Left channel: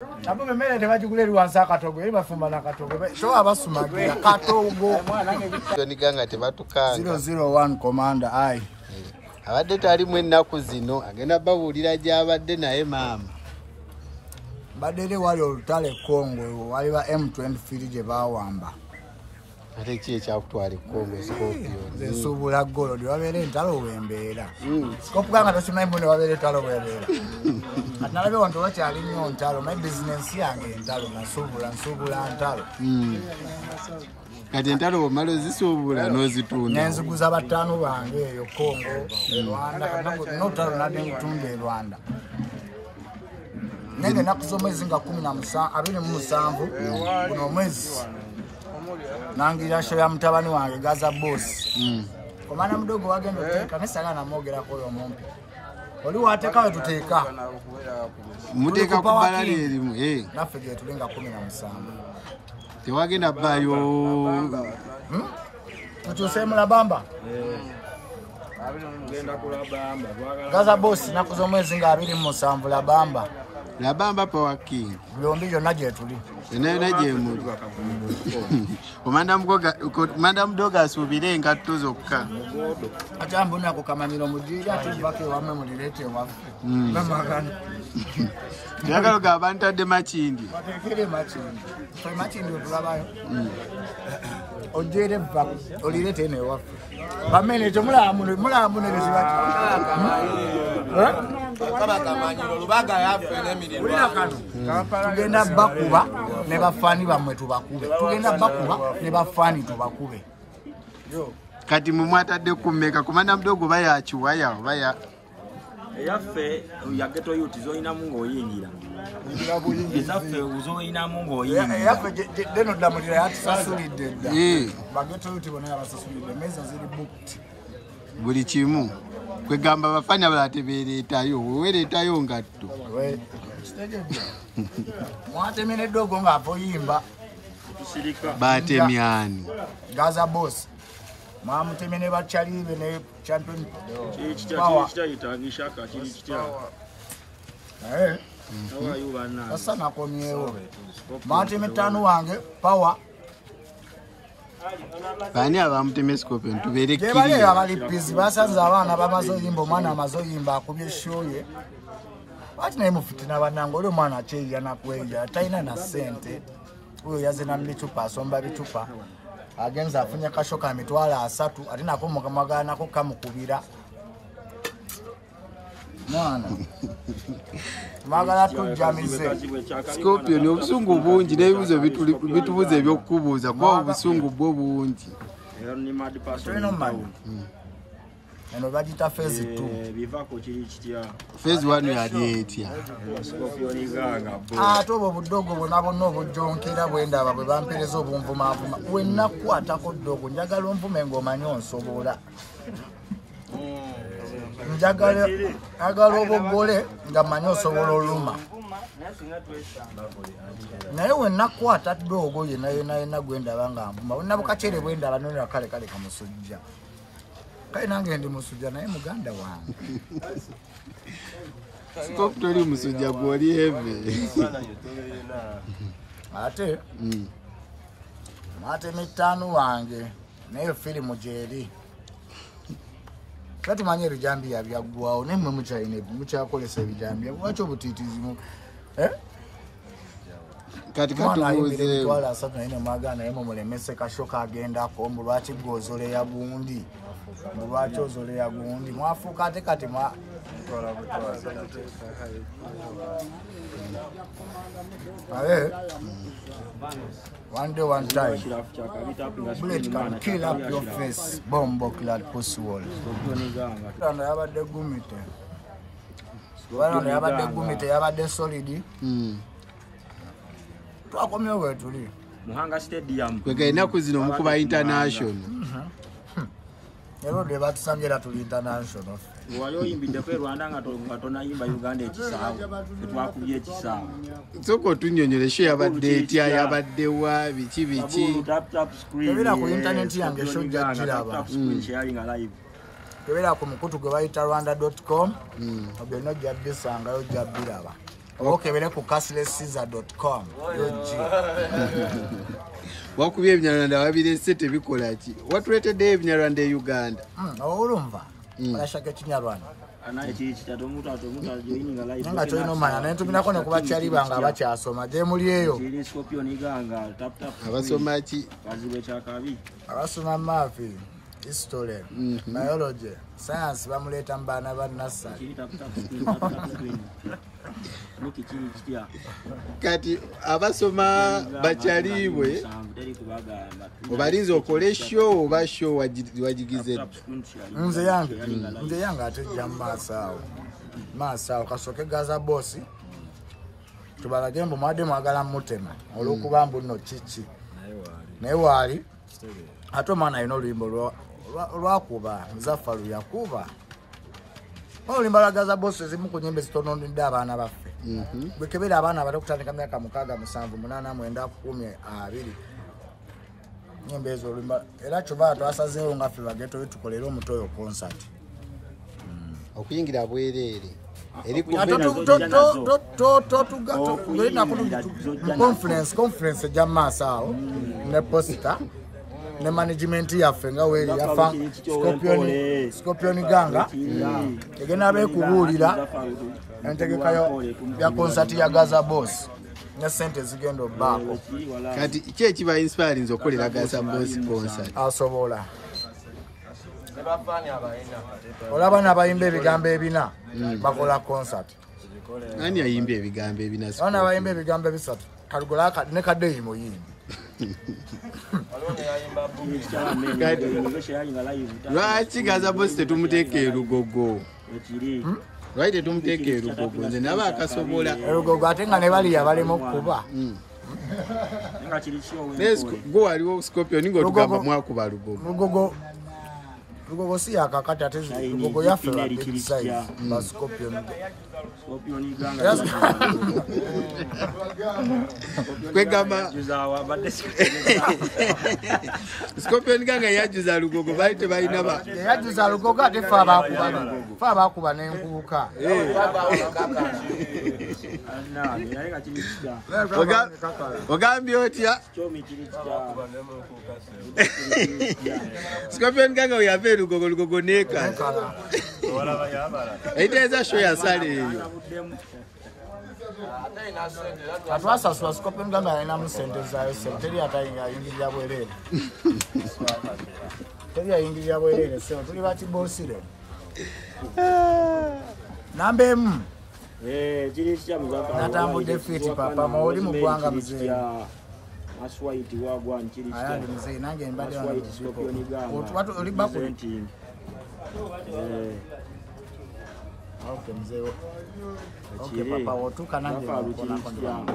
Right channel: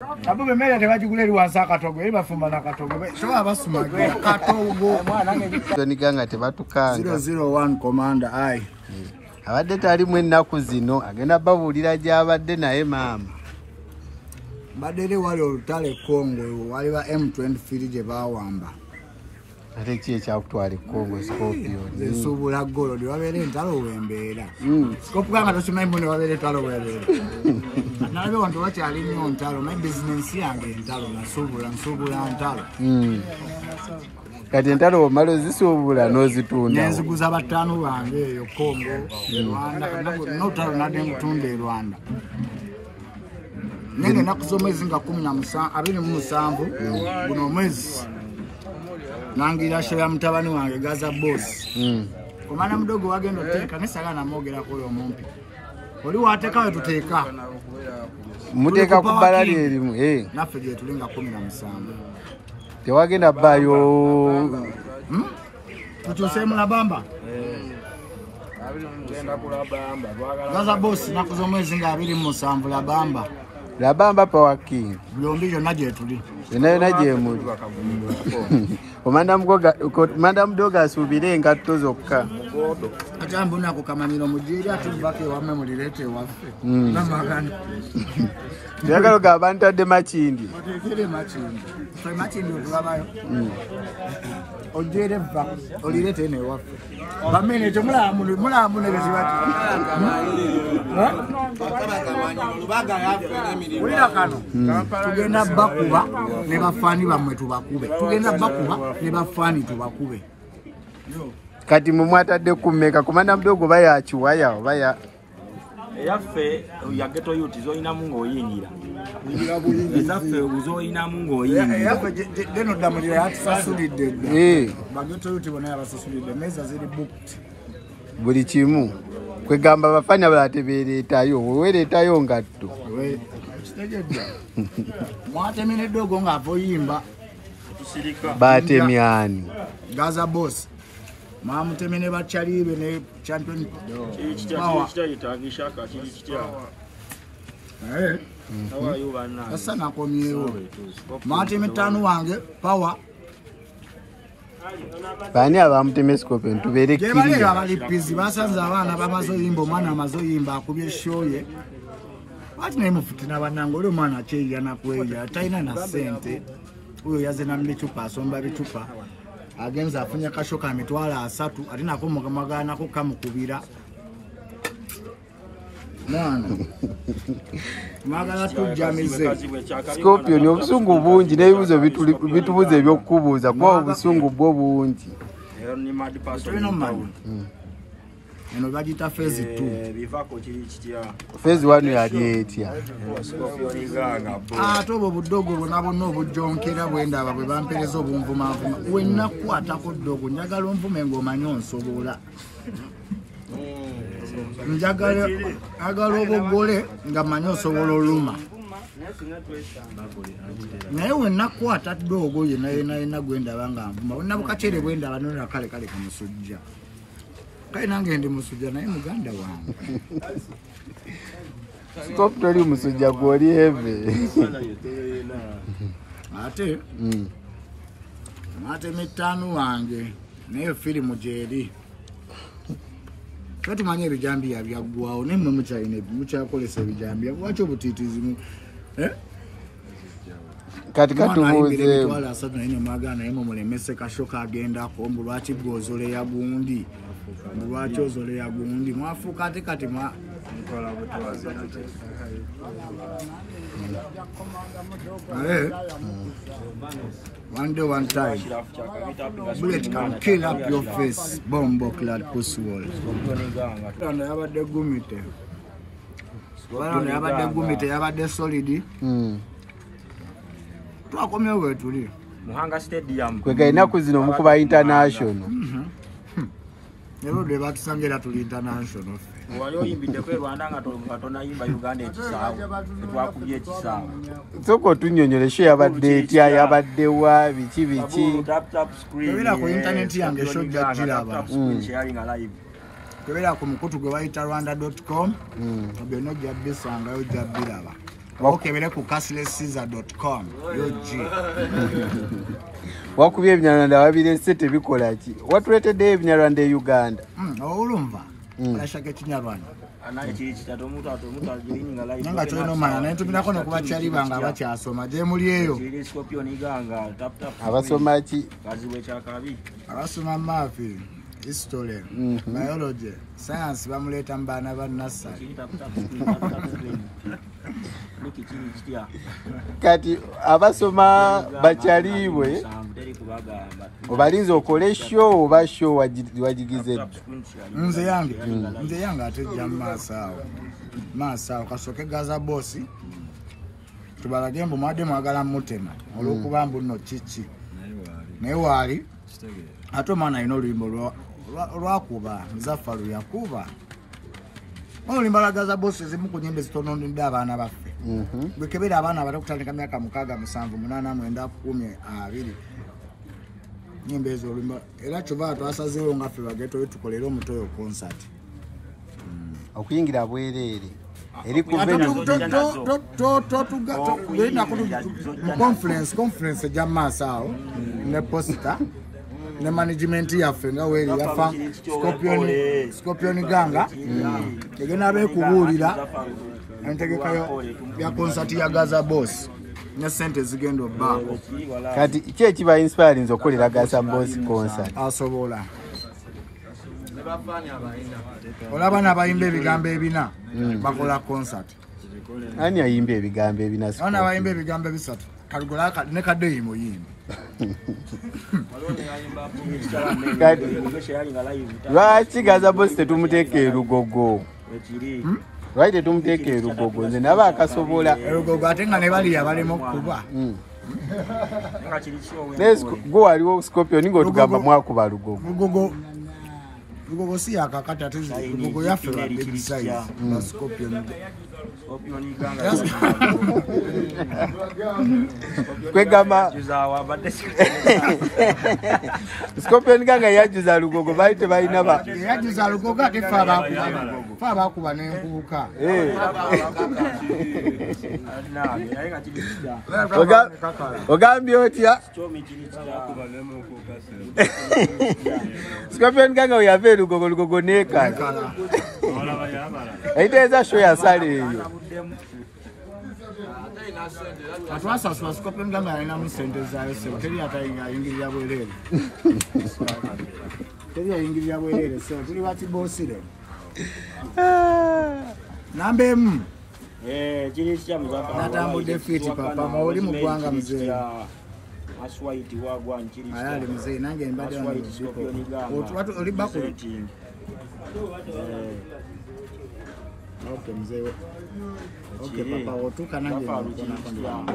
Abo bemere tebagigula eri wansi akatogo eri bafumba nakatogo toba basumagira katogo nikanga tebatukanga 001 commander ai abadde tali mu ennaku zino agenda babuulira gy'abadde naye maama badere wali olutale Kongo wali ba M23 gye bawamba ate ki ekyakutwala Kongo Scorpion zesubula golo di wabere ntalo wembeera Scorpion tosimanyi mbone wabere ntalo wembeera nalabe wantu wakyali nnyo ntalo my business yange ntalo nsubula ntalo kati entalo omala ozisuubula n'ozitunda nenziguza batano bange eyo Kongo Rwanda notalo nade ngutunda Rwanda nenge nakuzomwezi nga 27 buno mwezi nangira show ya mtabani wange Gaza boss komana mdogo wagendo teka nesagana mogera ko yo mumpi oli wateka we tuteka muteka kubalali erimu nafe je tulinga 17 tewagenda bayo tutosemu la bamba Gaza boss nakuzomwezi nga 27 la bamba Power King byombijo naje tuli naye muli omanda mudoga asubire ngatto zokka ajambo nako kamanyiro mujira atuvake wamwe mulirete waffe namagana yagalo gabantu adde machindi batekere machindi otulabayo ojere va olirete ne waffe bamene mulamu ne betibati tugenda bakuba ne bafani bamwe tubakube tugenda bakuba ne bafani tubakube kati mumwatadde kumeka komanda mdogo baya chiwaya baya yaffe yageto yuti zoina mungo oyingira izaffe uzoina mungo oyingira deno damulira yatusasulidde bageto yuti bona yabasasulidde meza ziri booked buli kimu kwegamba bafanya balateberetayo weweretayo ngatto mwatemene dogo nga avoyimba batemyani Gaza boss mamutemene bachalibe ne champion power asa nakomyewo mateme tano wange power bani abamuteme Scorpion tuberekirira bali abalipizi basanze abana bamazoyimba omwana amazoyimba akubye shoye bati naye mufitina banango ole mwana acheya nakweya taina na sente uyo yazena mbichupa asomba bichupa agenza afunya kashoka mitwala 3 ati nakomoka magana ko kamukubira mwana magala tujamize Scorpion obusungu bungi nebibuzo bitubuze ebyokubuuza kwa obusungu bwo bungi eno bagita phase 2 phase 1 yali etya tobo budogo bonabo nobujonkera bwenda abwe bampereza obumvumavuma wenna kwatako dogo njagala omvume ng'omanyi onsobola njagala agalo obogole nga manyi osobola oluma naye wenna kwata dogo yena gwenda banga mvuma wenna bukachere bwenda banonera kale kamusujja kale nange ndi musujja naye muganda wange stop toli musujja gwoli heve ate mate mitano wange naye filimu jeri kati manye bijambi yabyagwawo nemwe muchaine muchakolesa bijambi wacho butitizimu kati tubuze wala sabu ine magana imo mulemese kashoka agenda ko mbulwachi gozole ya gundi mbulwachi ozole ya gundi mwafuka ate kati ma one day one time bullet can kill up your face bomb clad pussy wall ana yabade gumite wana yabade gumite yabade solid twakomye wetuli Muhanga Stadium kwega inaku zino mukuba international ero de batusangira tuli international wayo imbite kwe Rwanda ngatona imba Uganda ekisawa twakubye ekisawa soko tunyonyoleshe yabadde etya yabadde wa biki kebera ku internet yange shojja jiraba kebera ku mukutu gwe bayita rwanda.com obyonna jabbisangayo jabbiraba okebere ku cashlesscaesar.com UG. Wakubye ebinyarwanda wabirese tebikola ki? Watuletedde ebinyarwanda e Uganda. Olumva. Alashaka ekinyarwanda. Nanga kyolina omanya naye ntumirako ne ku bakyali bange abakyasoma gye muli eyo. Abasoma ki? Abasoma maafi, history, biology, science bamuleeta mu baana ba nursery. Kati abasoma bakyaliibwe obalinza okole show oba show wagigize dda? Nze yange ate jja maaso awo kasooke gaza boosi tubalage mbu mwadde mwagala mutema olw'okuba mbu nno kiki naye waali ate omwana alina oluyimbo lwakuba Nzaffalu yakuba oluyimba lwa gaza boosi ezimu ku nnyimba zitononedde abaana baffe bwekebera abaana abato kutandika myaka 6, 7, 8, 9, 10, 20 nyimba ezo oluyimba era kyova twasazeewo nga ffe bageto tukolere omutoyo concert okuyingira bwereere eri mu conference ejja maaso awo ne posta ne management yaffe nga weeri yafa Scorpion Ganga egenda beekubuulira entegekayo ya concert ya Gaza Boss ne sente zigenda obbaako. Kati ki ekiba inspiring okolera Gaza Boss concert? Asobola olaba n'abayimba ebigambo ebina bakola concert. Ani ayimba ebigambo ebina? Ona abayimba ebigambo ebisatu Kalugola ne Kaddeyi muyimbi. Lwaki Gaza Boss tetumuteeka e Lugogo? Lwaki tetumuteeka e Lugogo? Nze naba akasobola e Lugogo ate nga ne baliya balema okukuba. Go waliwo Scorpion ng'otugamba mwakuba Lugogo. Lugogo si yakakati ate Lugogo yaffe ba big size ba Scorpion. Kwegamba Scorpion Ganga yajuza Lugogo bali tebalina ba yajuza Lugogo ate fa abakuba n'enkubuka. Ogambye otya? Scorpion Ganga oyave Lugogo nekala eiteeza show yasala eyo. Atwasasula Scorpion Ganga alinamu sente zayo teri atayingirira bwereere. Teri ayingirira bwereere so tuli bakiboosire. Namba emu natambudde fiti papa maoli mu ggwanga muzeeyi ali muzeeyi nange mbadde wano mu kipo oli bakuli. Okay mzeeyi. Okay papa otuuka nange nkonako ndi wano.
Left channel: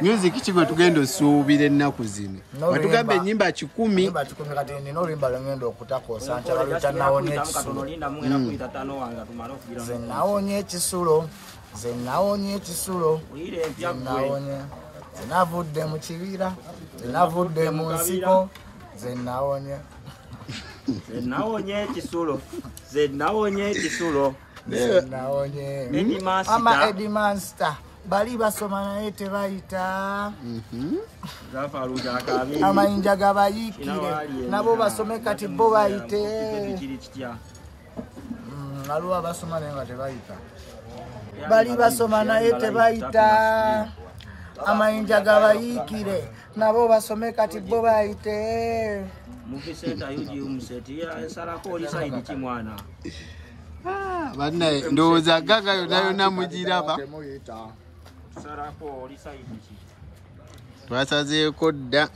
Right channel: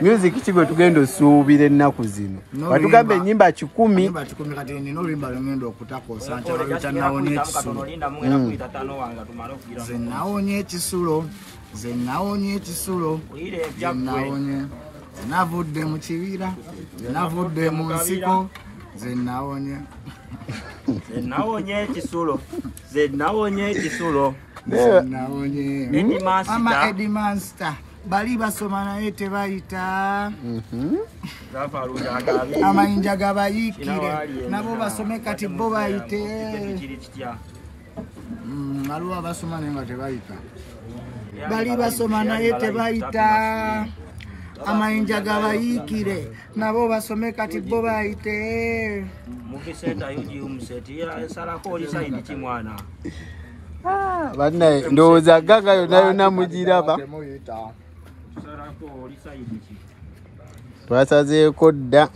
Music kigwe tugenda osuubira ennaku zino watugamba ennyimba 10 kati nina oluyimba lwengenda okutakoosa nti abaluyita nawonye ekisulo. Ze nawonye ekisulo ze navudde mu kibira ze navudde mu nsiko ze nawonye ama Eddie Monster bali basoma naye tebayita amayinja gabayiikire nabo basome kati bo bayite aliwo abasoma naye nga tebayita bali basoma naye tebayita amayinja gabayiikire nabo basome kati bo bayite. Bannaye ndowooza Ganga yonna mugiraba. Twasazeeko dda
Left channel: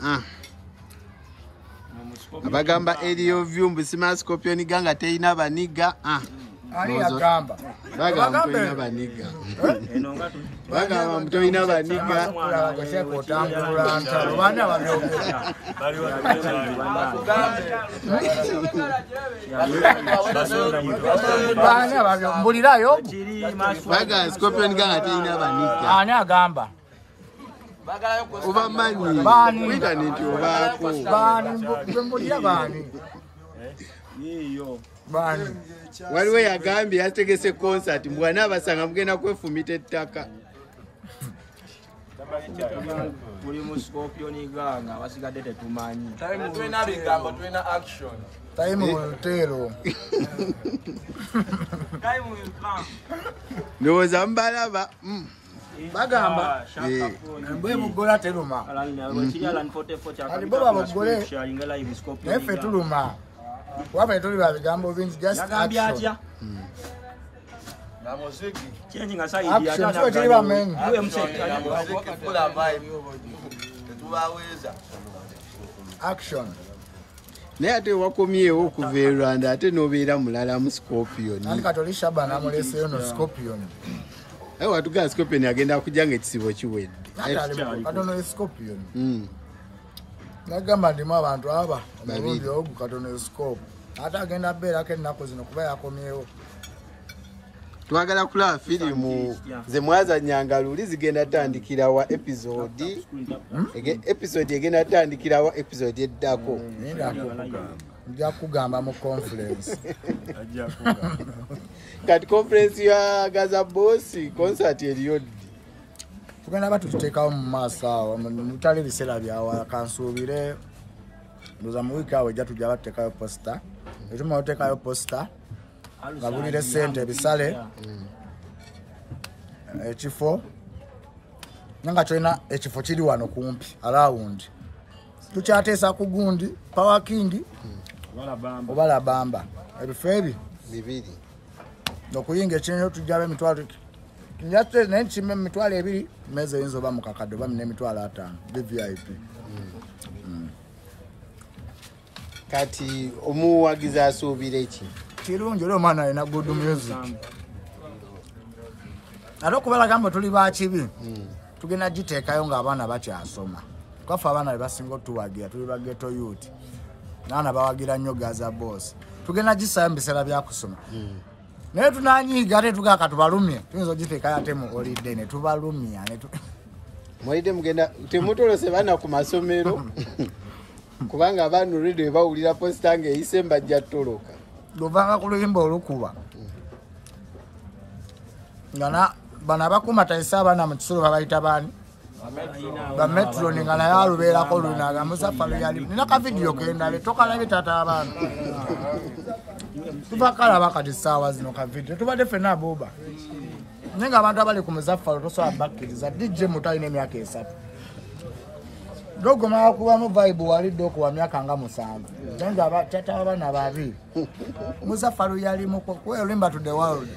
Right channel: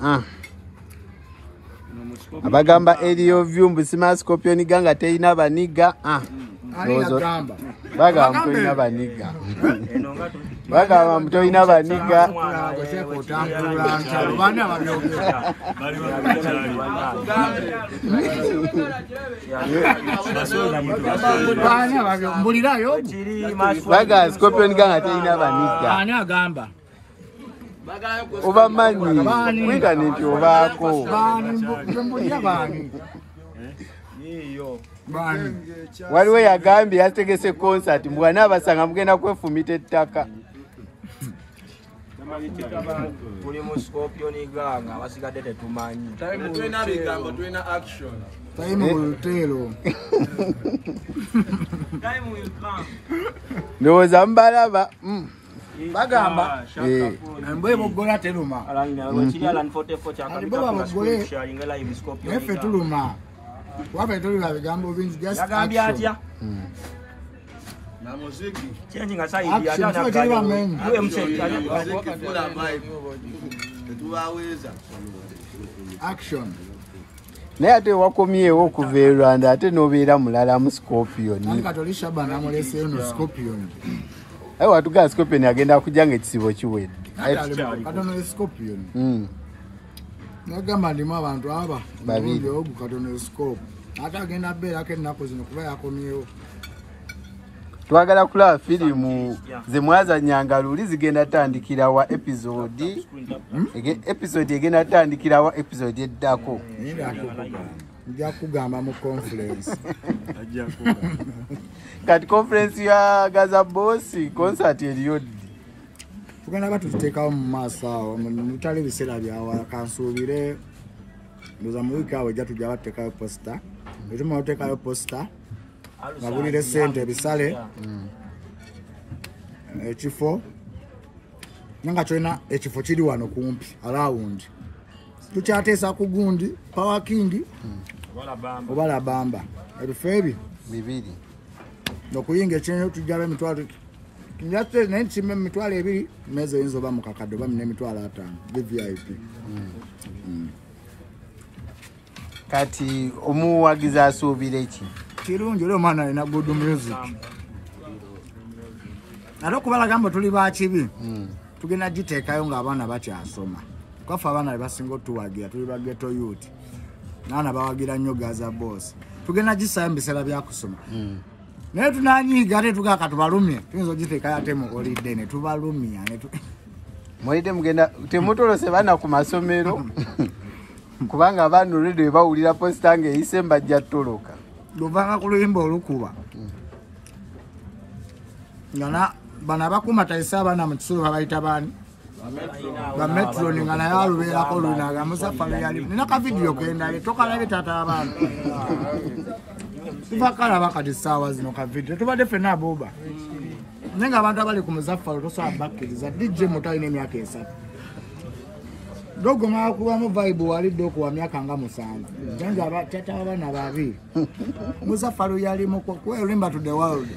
abagamba eriyo vyumbu sima Scorpion Ganga teyina baniga. Bagamba teyina baniga. Bagamba mtoyina baniga. Baga Scorpion Ganga teyina baniga. Ani agamba? Oba manyi internet obaako. Bani mbulira bani. Bani. Waliwo yagambye yategese concert mbwana abasanga mugenda kwefumita ettaka. Kuli mu Scorpion iganga basigadde tetumanyi. Time ulutelo. Ndowooza mubalaba. Bagamba. Mbwe bogola teluma. Ati boba bogole. Nefe tuluma. Wape tuli wa bigambo bingi just action. Action sio chini ba men. Action. Naye ate wakomyewo okuva e Rwanda ate n'obeera mulala mu Scorpion. Nani katolisha bana mulese yono Scorpion. Ayi watuga Scorpion agenda kujja ng'ekisibo kiwedde. Katono Scorpion. Nagamba ndimu abantu aba babiri ogu katono Scorp. Ate agenda beera ke ennaku zino kuba yakomyewo. Twagala kulaba firimu ze mwazannyanga luli zigenda tandikira wa episode. Episode egenda tandikira wa episode eddako. Nja kugamba mu conference. Kati conference ya Gaza Boss concert eriyo ddi? Tugenda batuteekawo mu maaso awo mutali biseera byawa kansuubire ndoza mu wiiki awo ejja tujja bateekayo posta. Etuma oteekayo posta ngabulire ssente ebisale ekifo nga kyolina ekifo kiri wano kumpi around tukyateesa ku gundi Power King oba Labamba ebifo ebi bibiri okuyinga ekinyo tujjaba emitwalo kinjate naye nkime emitwalo ebiri meze yinza oba mukakadde oba n'emitwalo 5 VIP. Kati omuwagizi asuubira eki? Kirungi olwo omwana alina good music. Ate okubalagambo tuli bakibi tugenda giteekayo ng'abaana bakyasoma. Kwafe abaana be basinga otuwagira tuli ba ghetto youth. Naana bawagira nnyo Gaza Boss. Tugenda gisaayo mu biseera bya kusoma. Naye tunanyiiga ate tugaka tubalumye. Tuyinza ogiteekayo ate mu holiday ne tubalumya. Mwalide mugenda temutolose baana ku masomero. Kubanga abantu radio bawulira posta ng'eyise mbajja ttoloka. Luvanga ku luyimba olukuba. Ngana bana bakuma tayisa abaana mu kisolo babayita baani? Ba Metro nga naye alubeerako lunaga Musafaru yali. Nina ka video kendale tokalabye tata abantu. Tubakalaba kati ssaawa zino ka video. Tubadde ffenna abooba. Nenga abantu abali ku Musafaru tosobola bakkiriza DJ Mutalina emyaka 3. Dogo ma kuba mu vibe wali doko wa myaka nga 7. Jenga tata abana babiri. Musafaru yali mu kwelimba to the world.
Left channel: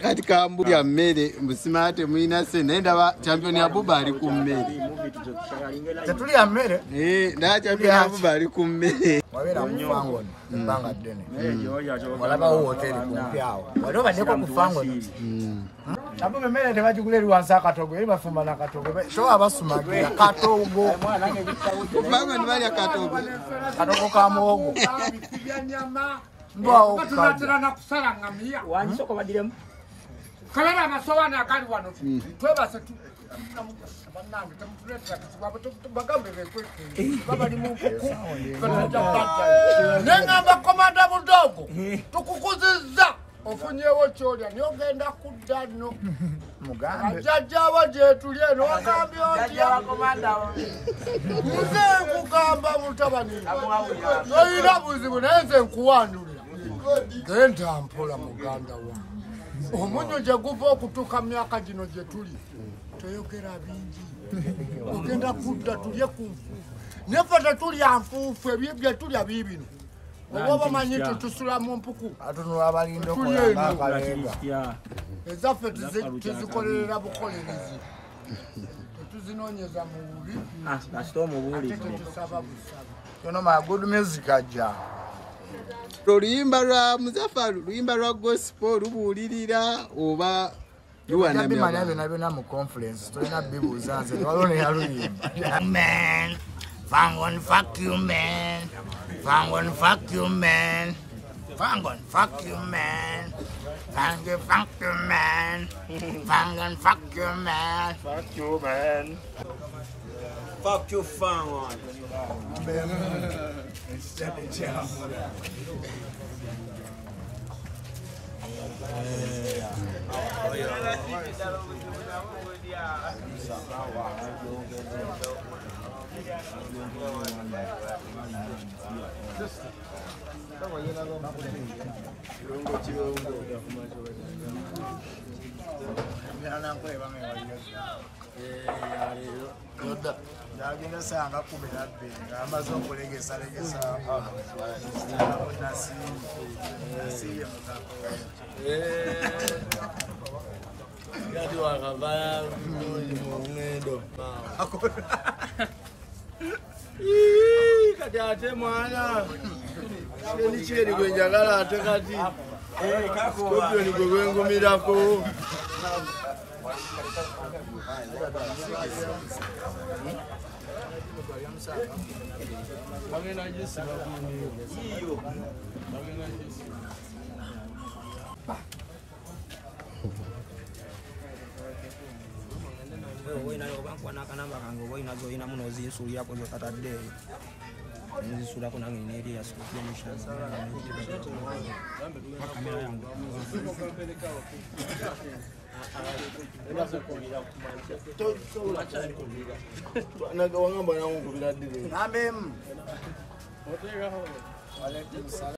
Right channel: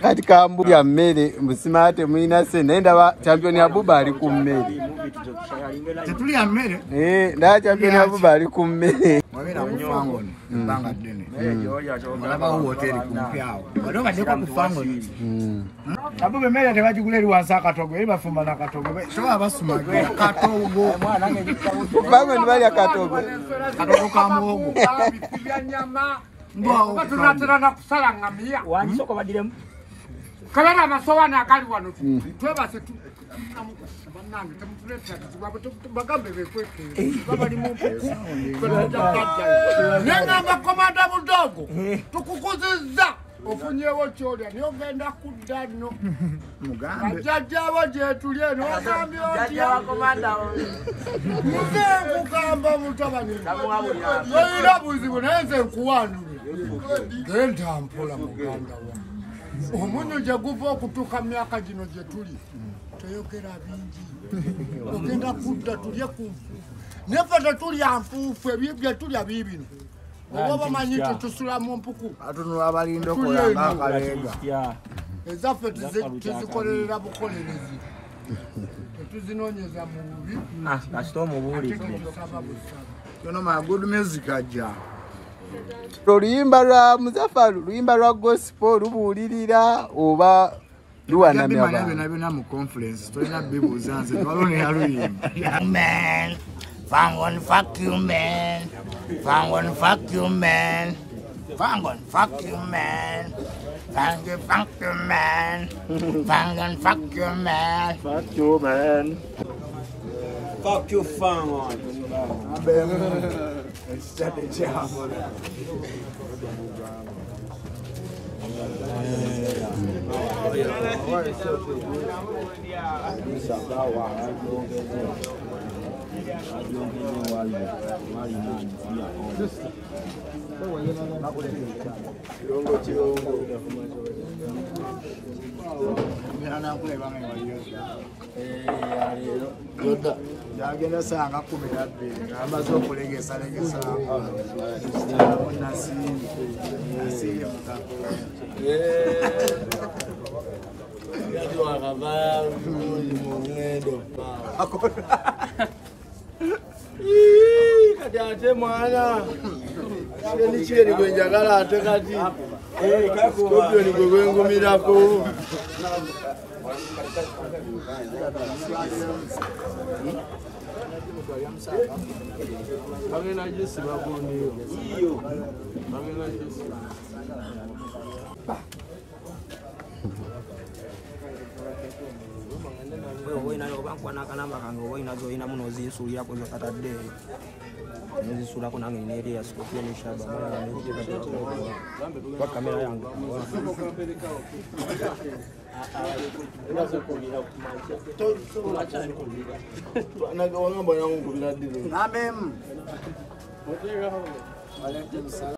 Kati kambu ya mmere musimate muina se nenda ba champion ya Buba ali ku mmere. Tetuli ya mmere? Nda champion ya Buba ali ku mmere. Wabera ku Fangoni mbanga dene. Walaba ho hotel kumpi awo. Waloba ndeko ku Fangoni. Abube mmere tebagiguleri wansa katogo eri bafumba na katogo. So abasumagira katogo. Fangoni bali akatogo. Katogo ka muogo. Ndwa tunatira na kusala ngamia. Wanisoko badiremu. Kalana amasowana akali wano. Twebase banange temutuleta bagambe bekweke. Baba ni mumpuku. Nengamba komanda mudogo. Tukukuziza. Ofunyewo kyolya niogenda kudda nno. mugambe. Ajajjawo gye tuli eno ogambye otya. Nze nkugamba mutabani. Toyina buzibu naye nze nkuwandulira. Genda mpola muganda wa. Omunyo gye guva okutuuka myaka gino gye tuli. Toyogera bingi. Ogenda kudda tulye ku nfuufu. Neffe tetulya nfuufu ebyo tulya biibino. Oba bamanyi tusula mu mpuku. Atunula abalindo kola akalenga. Ezaffe tuzikolerera bukolerezi. Tuzinoonyeza mu bubi. Kasito omubuli. Ono ma good music aja. Oluyimba lwa Muzafaru, luyimba lwa gospel lubuulirira oba luwanamya abantu. Byonna mu conference tolina bibuuza nze walone yaluyimba. Man, Fangon fuck you man. Fangon fuck you man. Fangon fuck you man. Thank you, man. Fuck you, man. Fuck you, man. Fuck you, fan. Yagenda sanga 12 ngamaze okulegesa nasiye mukako Gadi wakavaya mungendo kati ate mwana ni chiri kwenjagala ate kati Scorpion gwe gwengumirako bagenda jesi bakundiyo bagenda jesi Woina bankwana kanamba kange woina zoina muno zinsulira ko katadde nzisula ko nange neri ya Scorpion shaba kwa kamera yangu wangamba nangu kubira dile Nambem. Walaikum salam.